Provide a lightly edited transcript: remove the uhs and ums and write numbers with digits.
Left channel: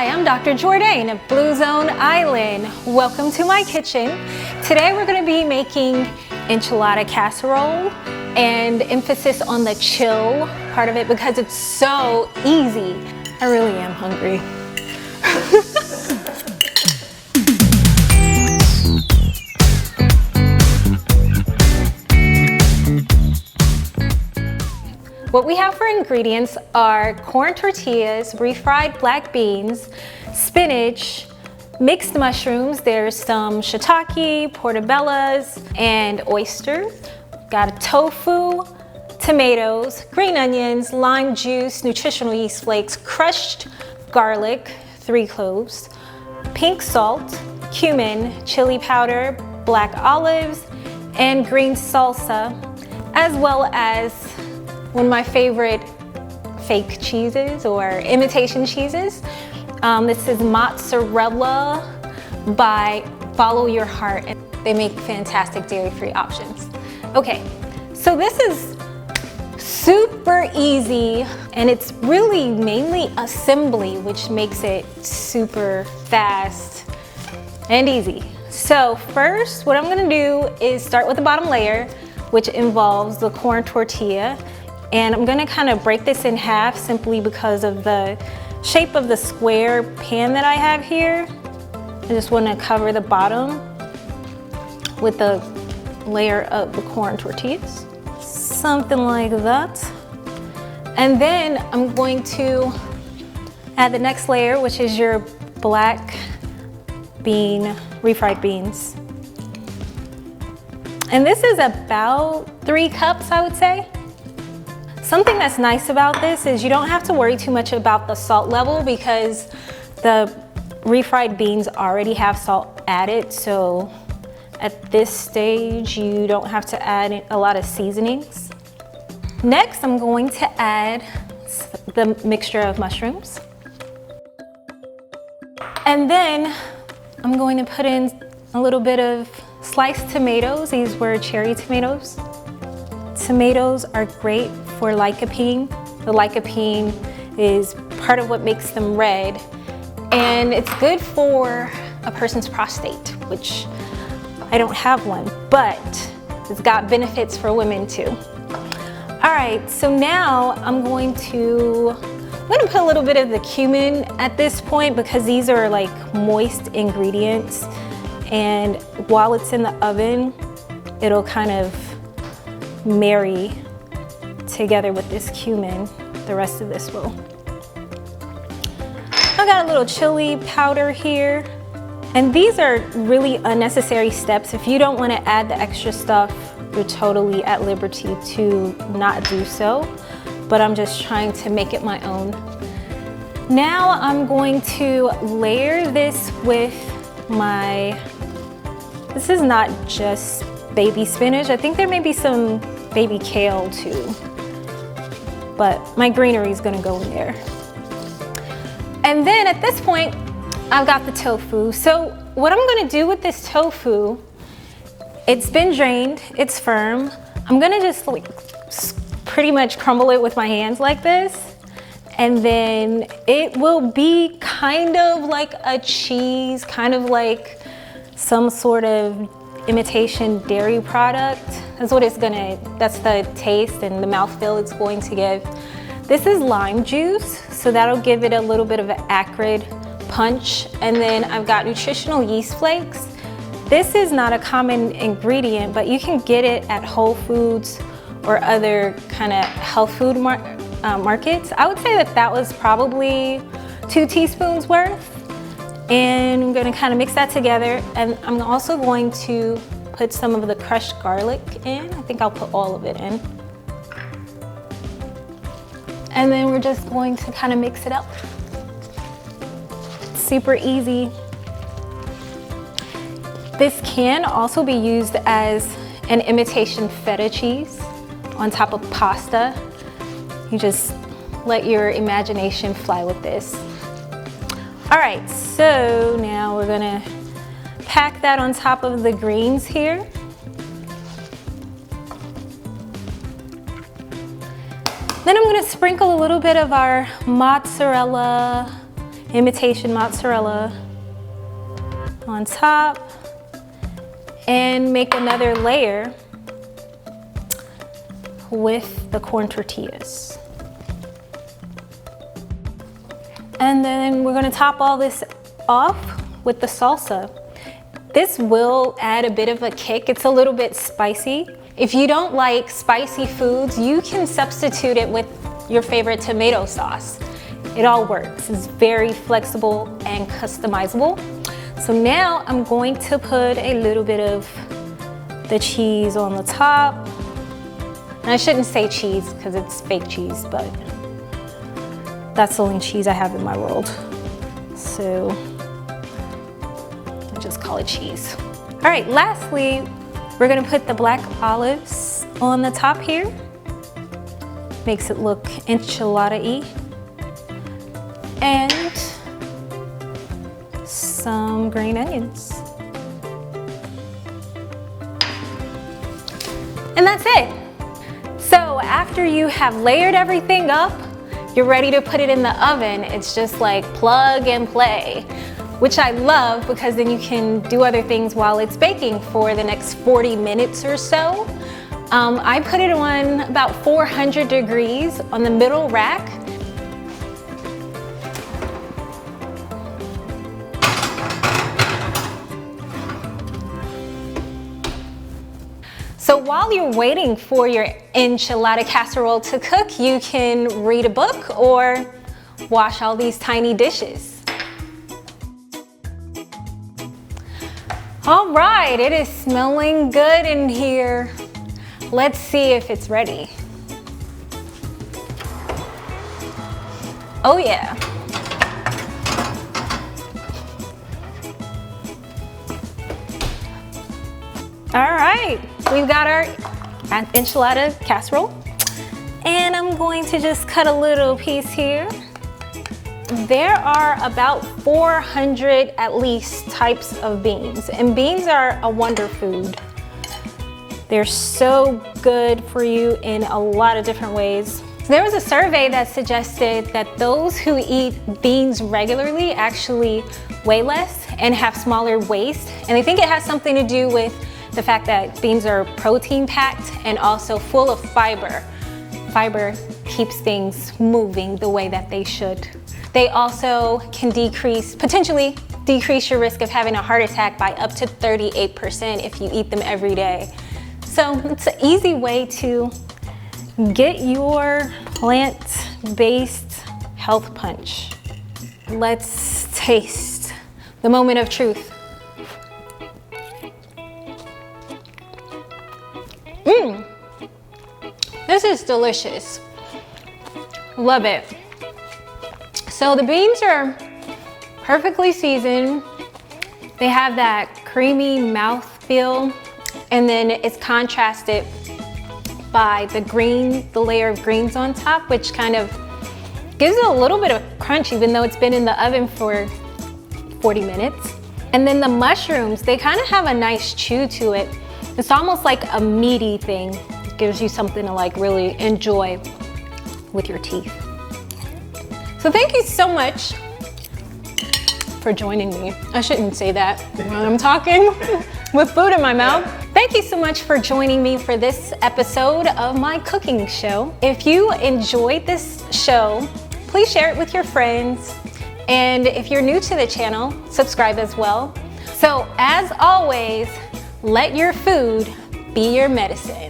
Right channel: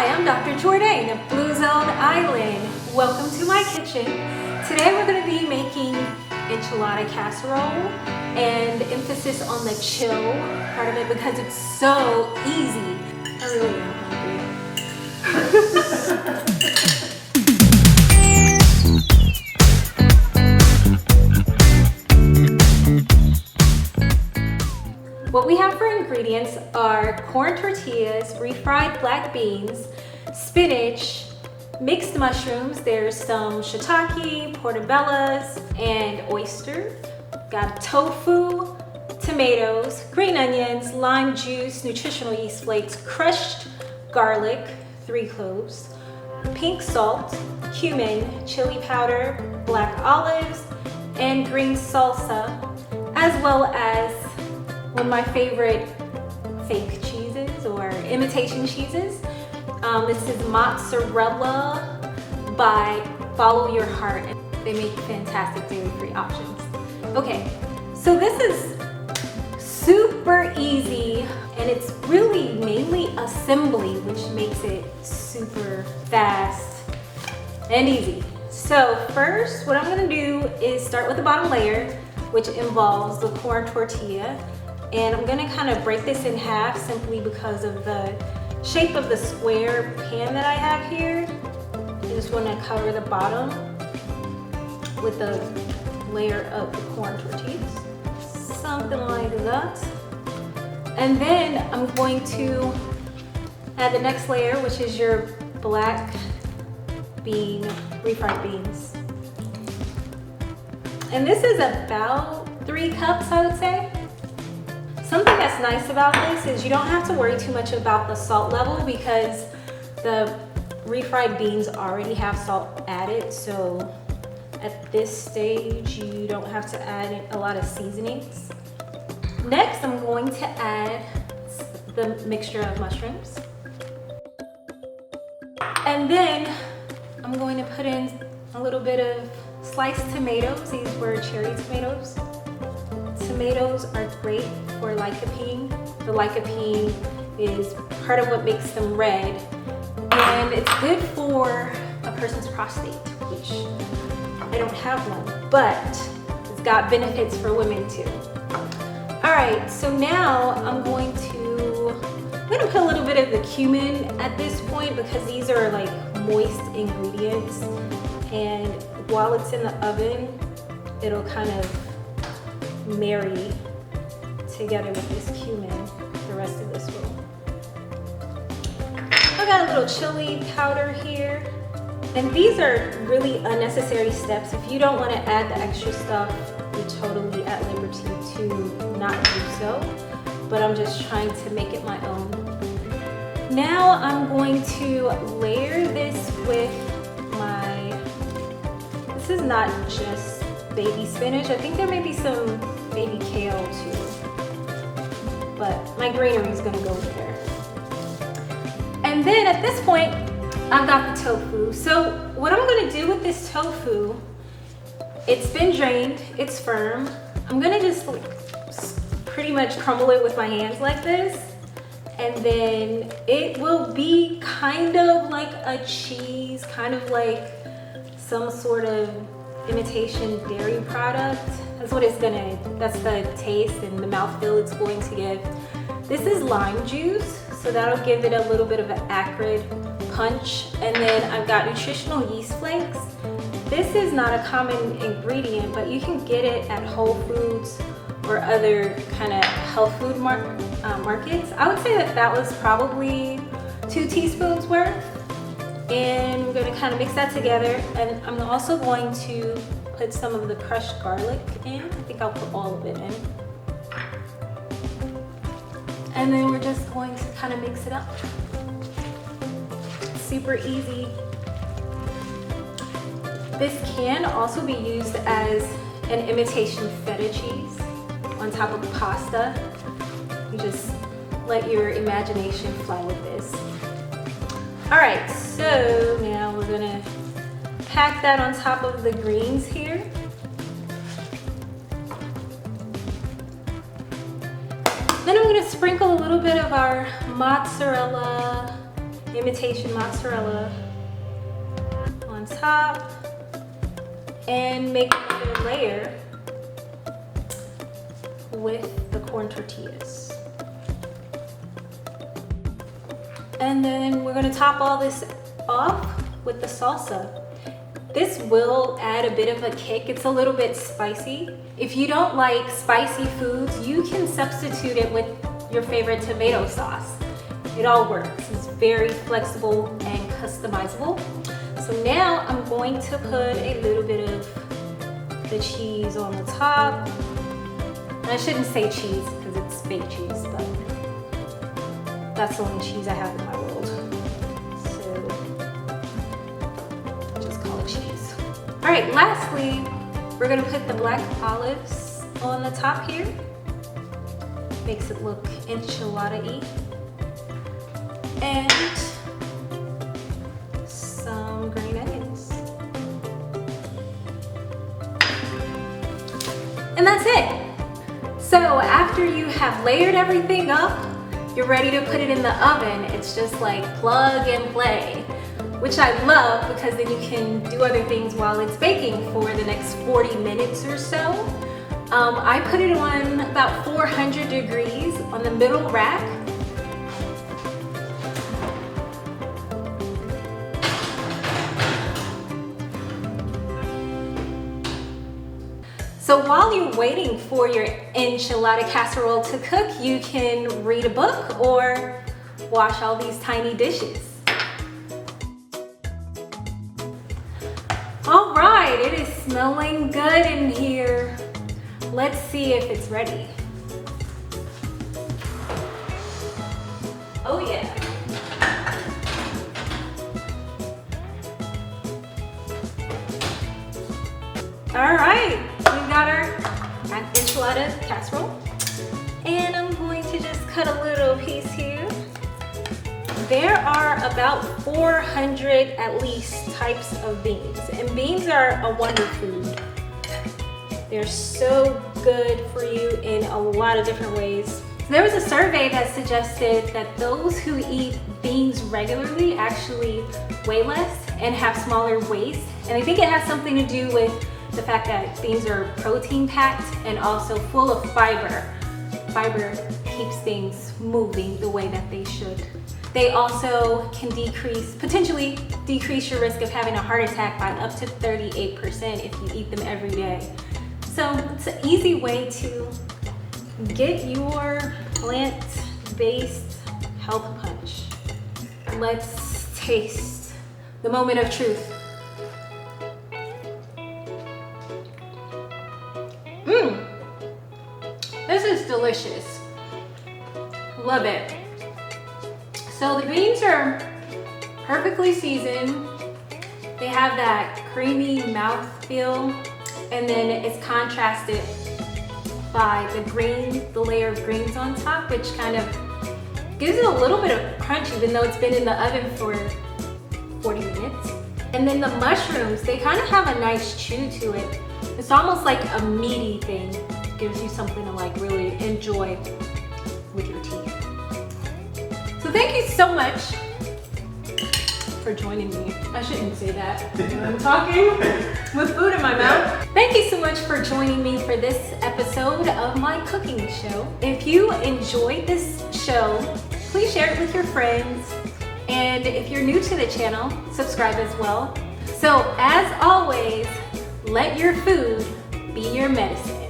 Hi, I'm Dr. Jourdain of Blue Zone Island. Welcome to my kitchen. Today we're going to be making enchilada casserole and emphasis on the chill part of it because it's so easy. I really am hungry. What we have for ingredients are corn tortillas, refried black beans, spinach, mixed mushrooms. There's some shiitake, portobellas, and oyster. Got a tofu, tomatoes, green onions, lime juice, nutritional yeast flakes, crushed garlic, 3 cloves, pink salt, cumin, chili powder, black olives, and green salsa, as well as one of my favorite fake cheeses or imitation cheeses. This is mozzarella by Follow Your Heart, and they make fantastic dairy-free options. Okay, so this is super easy, and it's really mainly assembly, which makes it super fast and easy. So first, what I'm gonna do is start with the bottom layer, which involves the corn tortilla. And I'm gonna kind of break this in half simply because of the shape of the square pan that I have here. I just wanna cover the bottom with the layer of the corn tortillas. Something like that. And then I'm going to add the next layer, which is your black bean, refried beans. And this is about 3 cups, I would say. Something that's nice about this is you don't have to worry too much about the salt level because the refried beans already have salt added. So at this stage, you don't have to add a lot of seasonings. Next, I'm going to add the mixture of mushrooms. And then I'm going to put in a little bit of sliced tomatoes. These were cherry tomatoes. Tomatoes are great for lycopene. The lycopene is part of what makes them red, and it's good for a person's prostate, which I don't have one, but it's got benefits for women too. All right, so now I'm gonna put a little bit of the cumin at this point because these are like moist ingredients, and while it's in the oven, it'll kind of marry together with this cumin. The rest of this will. I got a little chili powder here, and these are really unnecessary steps. If you don't want to add the extra stuff, you're totally at liberty to not do so, but I'm just trying to make it my own. Now I'm going to layer this with this is not just baby spinach. I think there may be some baby kale too, but my greenery is gonna go in there. And then at this point, I've got the tofu. So what I'm gonna do with this tofu, it's been drained, it's firm. I'm gonna just pretty much crumble it with my hands like this, and then it will be kind of like a cheese, kind of like some sort of imitation dairy product. That's the taste and the mouthfeel it's going to give. This is lime juice, so that'll give it a little bit of an acrid punch. And then I've got nutritional yeast flakes. This is not a common ingredient, but you can get it at Whole Foods or other kind of health food markets. I would say that was probably 2 teaspoons worth. And I'm gonna kind of mix that together. And I'm also going to put some of the crushed garlic in. I think I'll put all of it in. And then we're just going to kind of mix it up. Super easy. This can also be used as an imitation feta cheese on top of pasta. You just let your imagination fly with this. All right, so now we're gonna pack that on top of the greens here. Then I'm gonna sprinkle a little bit of our mozzarella imitation mozzarella on top, and make another layer with the corn tortillas. And then we're gonna top all this off with the salsa. This will add a bit of a kick. It's a little bit spicy. If you don't like spicy foods, you can substitute it with your favorite tomato sauce. It all works. It's very flexible and customizable. So now I'm going to put a little bit of the cheese on the top. And I shouldn't say cheese because it's fake cheese, but that's the only cheese I have in my world. So I'll just call it cheese. All right, lastly, we're gonna put the black olives on the top here. Makes it look enchilada-y. And some green onions. And that's it. So after you have layered everything up, you're ready to put it in the oven. It's just like plug and play, which I love because then you can do other things while it's baking for the next 40 minutes or so. I put it on about 400 degrees on the middle rack. So while you're waiting for your enchilada casserole to cook, you can read a book or wash all these tiny dishes. All right, it is smelling good in here. Let's see if it's ready. Oh yeah. All right, we've got our enchilada casserole. And I'm going to just cut a little piece here. There are about 400 at least types of beans, and beans are a wonder food. They're so good for you in a lot of different ways. There was a survey that suggested that those who eat beans regularly actually weigh less and have smaller waist, and I think it has something to do with the fact that beans are protein packed and also full of fiber. Fiber keeps things moving the way that they should. They also can potentially decrease your risk of having a heart attack by up to 38% if you eat them every day. So it's an easy way to get your plant-based health punch. Let's taste the moment of truth. This is delicious. Love it. So the beans are perfectly seasoned. They have that creamy mouthfeel, and then it's contrasted by the layer of greens on top, which kind of gives it a little bit of crunch, even though it's been in the oven for 40 minutes. And then the mushrooms, they kind of have a nice chew to it. It's almost like a meaty thing. It gives you something to like really enjoy with your teeth. So thank you so much for joining me. I shouldn't say that when I'm talking with food in my mouth. Thank you so much for joining me for this episode of my cooking show. If you enjoyed this show, please share it with your friends. And if you're new to the channel, subscribe as well. So as always, let your food be your medicine.